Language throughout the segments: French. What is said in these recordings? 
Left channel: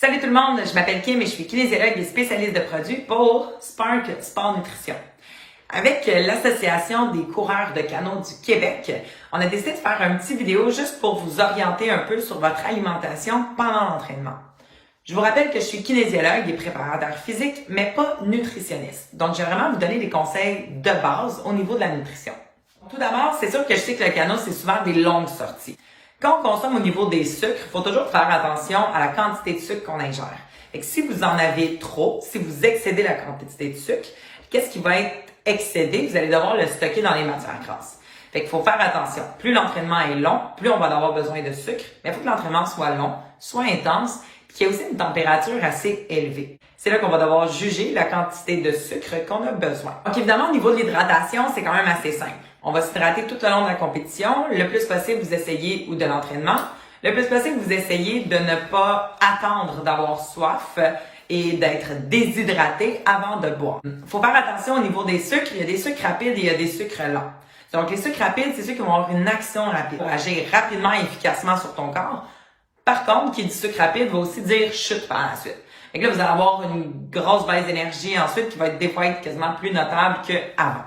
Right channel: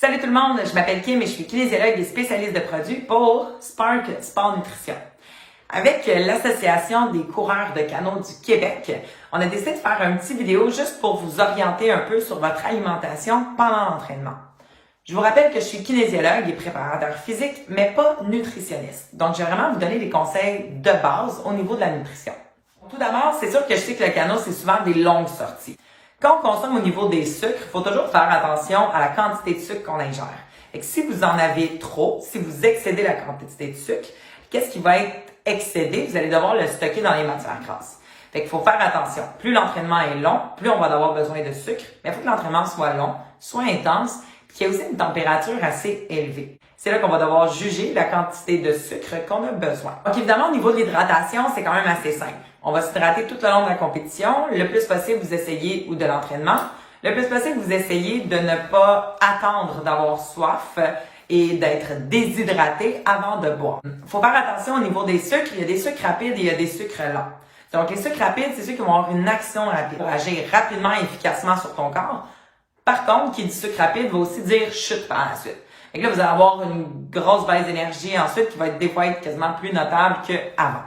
Salut tout le monde, je m'appelle Kim et je suis kinésiologue et spécialiste de produits pour Spark Sport Nutrition. Avec l'Association des coureurs de canot du Québec, on a décidé de faire un petit vidéo juste pour vous orienter un peu sur votre alimentation pendant l'entraînement. Je vous rappelle que je suis kinésiologue et préparateur physique, mais pas nutritionniste. Donc, je vais vraiment vous donner des conseils de base au niveau de la nutrition. Tout d'abord, c'est sûr que je sais que le canot, c'est souvent des longues sorties. Quand on consomme au niveau des sucres, il faut toujours faire attention à la quantité de sucre qu'on ingère. Et que si vous en avez trop, si vous excédez la quantité de sucre, qu'est-ce qui va être excédé? Vous allez devoir le stocker dans les matières grasses. Fait qu'il faut faire attention. Plus l'entraînement est long, plus on va avoir besoin de sucre. Mais il faut que l'entraînement soit long, soit intense, puis qu'il y ait aussi une température assez élevée. C'est là qu'on va devoir juger la quantité de sucre qu'on a besoin. Donc évidemment, au niveau de l'hydratation, c'est quand même assez simple. On va s'hydrater tout au long de la compétition. Le plus possible, vous essayez, ou de l'entraînement, le plus possible, vous essayez de ne pas attendre d'avoir soif et d'être déshydraté avant de boire. Il faut faire attention au niveau des sucres. Il y a des sucres rapides et il y a des sucres lents. Donc, les sucres rapides, c'est ceux qui vont avoir une action rapide pour agir rapidement et efficacement sur ton corps. Par contre, qui dit sucre rapide va aussi dire chute par la suite. Donc là, vous allez avoir une grosse baisse d'énergie ensuite qui va être des fois quasiment plus notable qu'avant.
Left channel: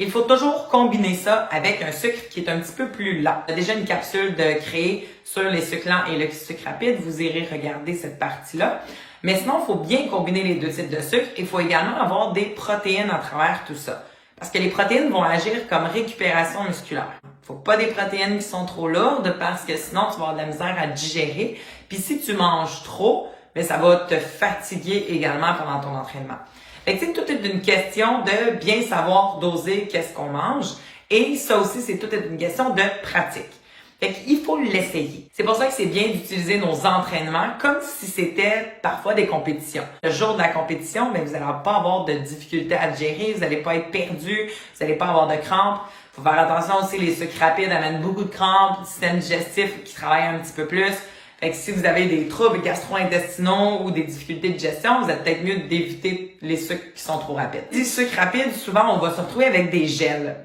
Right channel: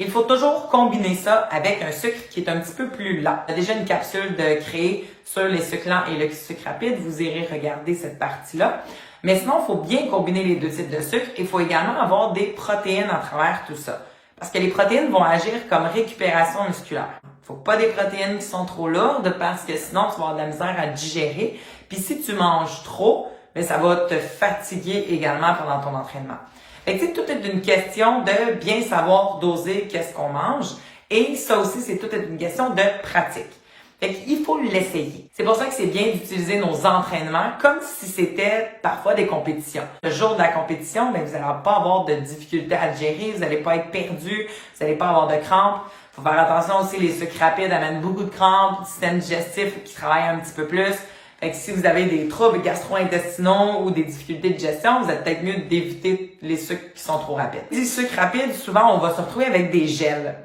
Il faut toujours combiner ça avec un sucre qui est un petit peu plus lent. Il y a déjà une capsule de créer sur les sucres lents et le sucre rapide. Vous irez regarder cette partie-là. Mais sinon, il faut bien combiner les deux types de sucre. Il faut également avoir des protéines à travers tout ça. Parce que les protéines vont agir comme récupération musculaire. Il ne faut pas des protéines qui sont trop lourdes parce que sinon, tu vas avoir de la misère à digérer. Puis si tu manges trop, mais ça va te fatiguer également pendant ton entraînement. Fait que tout est une question de bien savoir doser qu'est-ce qu'on mange. Et ça aussi, c'est toute une question de pratique. Fait qu'il faut l'essayer. C'est pour ça que c'est bien d'utiliser nos entraînements comme si c'était parfois des compétitions. Le jour de la compétition, ben, vous n'allez pas avoir de difficultés à digérer, vous n'allez pas être perdu, vous n'allez pas avoir de crampes. Il faut faire attention aussi, les sucres rapides amènent beaucoup de crampes, le système digestif qui travaille un petit peu plus. Fait que si vous avez des troubles gastro-intestinaux ou des difficultés de digestion, vous êtes peut-être mieux d'éviter les sucres qui sont trop rapides. Les sucres rapides, souvent, on va se retrouver avec des gels.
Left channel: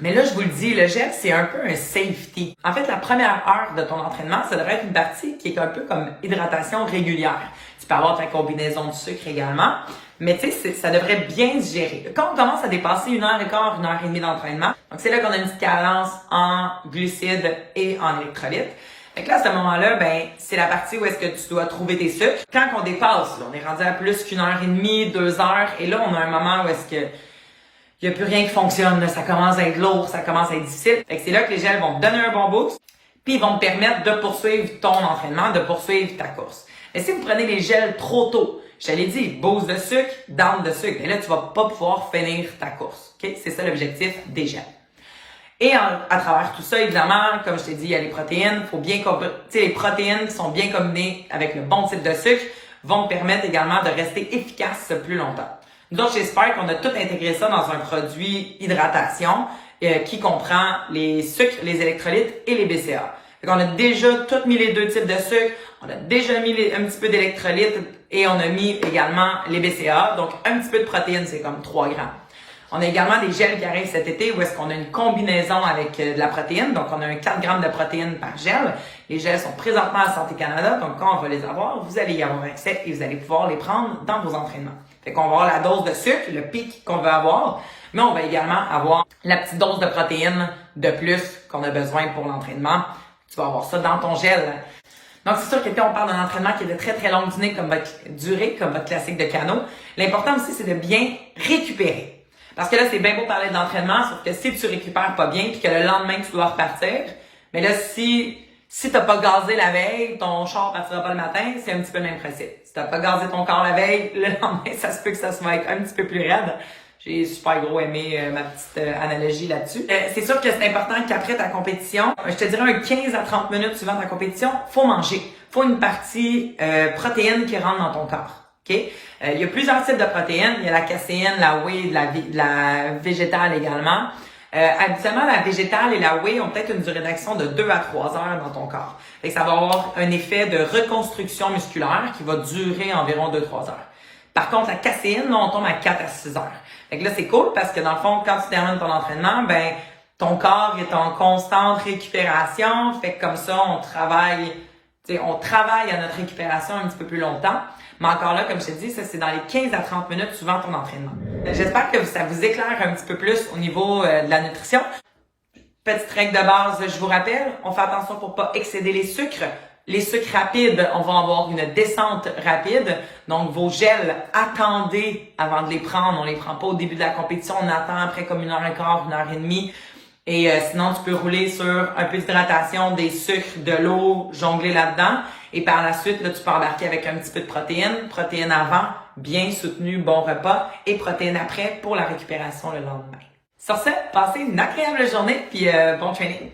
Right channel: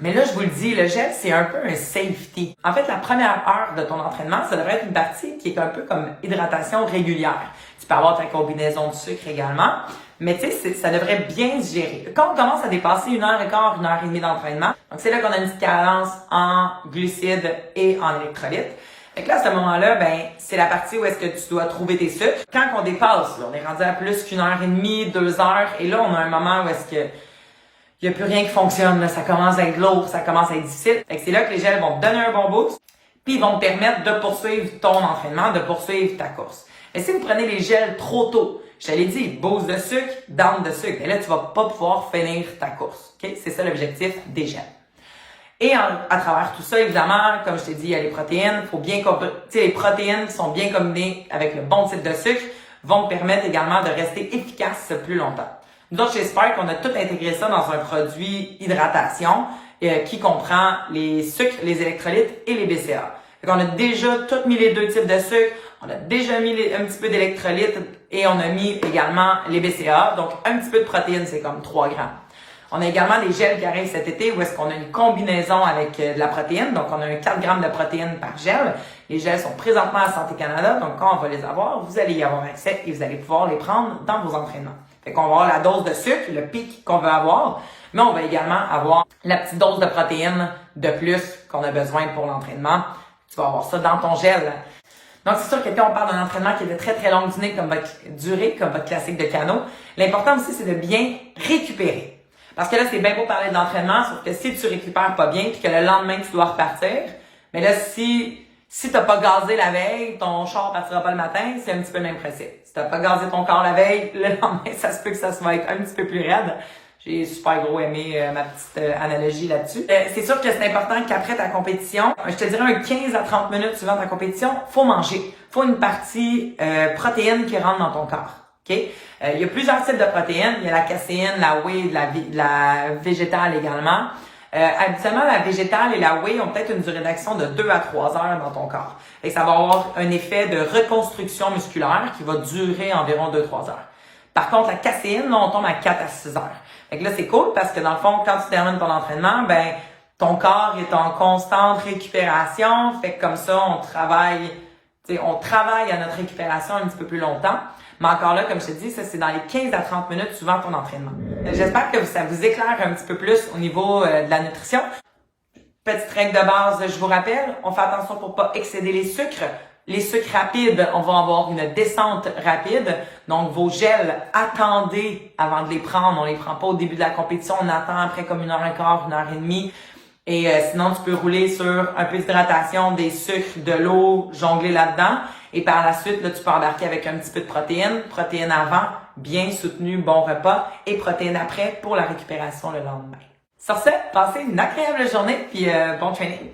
Mais là, je vous le dis, le gel, c'est un peu un safety. En fait, la première heure de ton entraînement, ça devrait être une partie qui est un peu comme hydratation régulière. Tu peux avoir ta combinaison de sucre également, mais tu sais, ça devrait bien digérer. Quand on commence à dépasser 1h15, 1h30 d'entraînement, donc c'est là qu'on a une petite carence en glucides et en électrolytes. Fait que là, à ce moment-là, ben, c'est la partie où est-ce que tu dois trouver tes sucres. Quand on dépasse, là, on est rendu à plus qu'1h30, 2h, et là, on a un moment où est-ce que il n'y a plus rien qui fonctionne, là. Ça commence à être lourd, ça commence à être difficile. Fait que c'est là que les gels vont te donner un bon boost, puis ils vont te permettre de poursuivre ton entraînement, de poursuivre ta course. Mais si vous prenez les gels trop tôt, je te l'ai dit, boost de sucre, down de sucre, et là, tu vas pas pouvoir finir ta course. Okay? C'est ça l'objectif des gels. Et à travers tout ça, évidemment, comme je t'ai dit, il y a les protéines. Faut bien les protéines qui sont bien combinées avec le bon type de sucre vont te permettre également de rester efficace plus longtemps. Nous autres, chez Spark, on a tout intégré ça dans un produit hydratation qui comprend les sucres, les électrolytes et les BCA. Donc, on a déjà tout mis les deux types de sucre, on a déjà mis un petit peu d'électrolytes et on a mis également les BCA. Donc, un petit peu de protéines, c'est comme 3 grammes. On a également des gels qui arrivent cet été où est-ce qu'on a une combinaison avec de la protéine. Donc, on a un 4 grammes de protéines par gel. Les gels sont présentement à Santé Canada. Donc, quand on va les avoir, vous allez y avoir accès et vous allez pouvoir les prendre dans vos entraînements. Fait qu'on va avoir la dose de sucre, le pic qu'on veut avoir, mais on va également avoir la petite dose de protéines de plus qu'on a besoin pour l'entraînement. Tu vas avoir ça dans ton gel. Donc, c'est sûr que quand on parle d'un entraînement qui est de très, très longue durée, comme votre classique de canot, l'important aussi, c'est de bien récupérer. Parce que là, c'est bien beau parler d'entraînement, sauf que si tu récupères pas bien puis que le lendemain, tu dois repartir, mais là, si t'as pas gazé la veille, ton char partira pas le matin, c'est un petit peu le même principe. Si t'as pas gazé ton corps la veille, le lendemain, ça se peut que ça soit être un petit peu plus raide. J'ai super gros aimé ma petite analogie là-dessus. C'est sûr que c'est important qu'après ta compétition, je te dirais un 15 à 30 minutes suivant ta compétition, faut manger. Faut une partie protéine qui rentre dans ton corps. Okay? Il y a plusieurs types de protéines. Il y a la caséine, la whey, la végétale également. Habituellement, la végétale et la whey ont peut-être une durée d'action de 2 à 3 heures dans ton corps. Et ça va avoir un effet de reconstruction musculaire qui va durer environ 2-3 heures. Par contre, la caséine, là, on tombe à 4 à 6 heures. Fait que là, c'est cool parce que dans le fond, quand tu termines ton entraînement, ben, ton corps est en constante récupération. Fait que comme ça, on travaille on travaille à notre récupération un petit peu plus longtemps. Mais encore là, comme je te dis, ça c'est dans les 15 à 30 minutes suivant ton entraînement. J'espère que ça vous éclaire un petit peu plus au niveau de la nutrition. Petite règle de base, je vous rappelle, on fait attention pour pas excéder les sucres. Les sucres rapides, on va avoir une descente rapide. Donc, vos gels, attendez avant de les prendre. On les prend pas au début de la compétition. On attend après comme 1h15, 1h30. Et sinon, tu peux rouler sur un peu d'hydratation, des sucres, de l'eau, jongler là-dedans. Et par la suite, là, tu peux embarquer avec un petit peu de protéines. Protéines avant, bien soutenu, bon repas. Et protéines après pour la récupération le lendemain. Sur ce, passez une agréable journée puis bon training.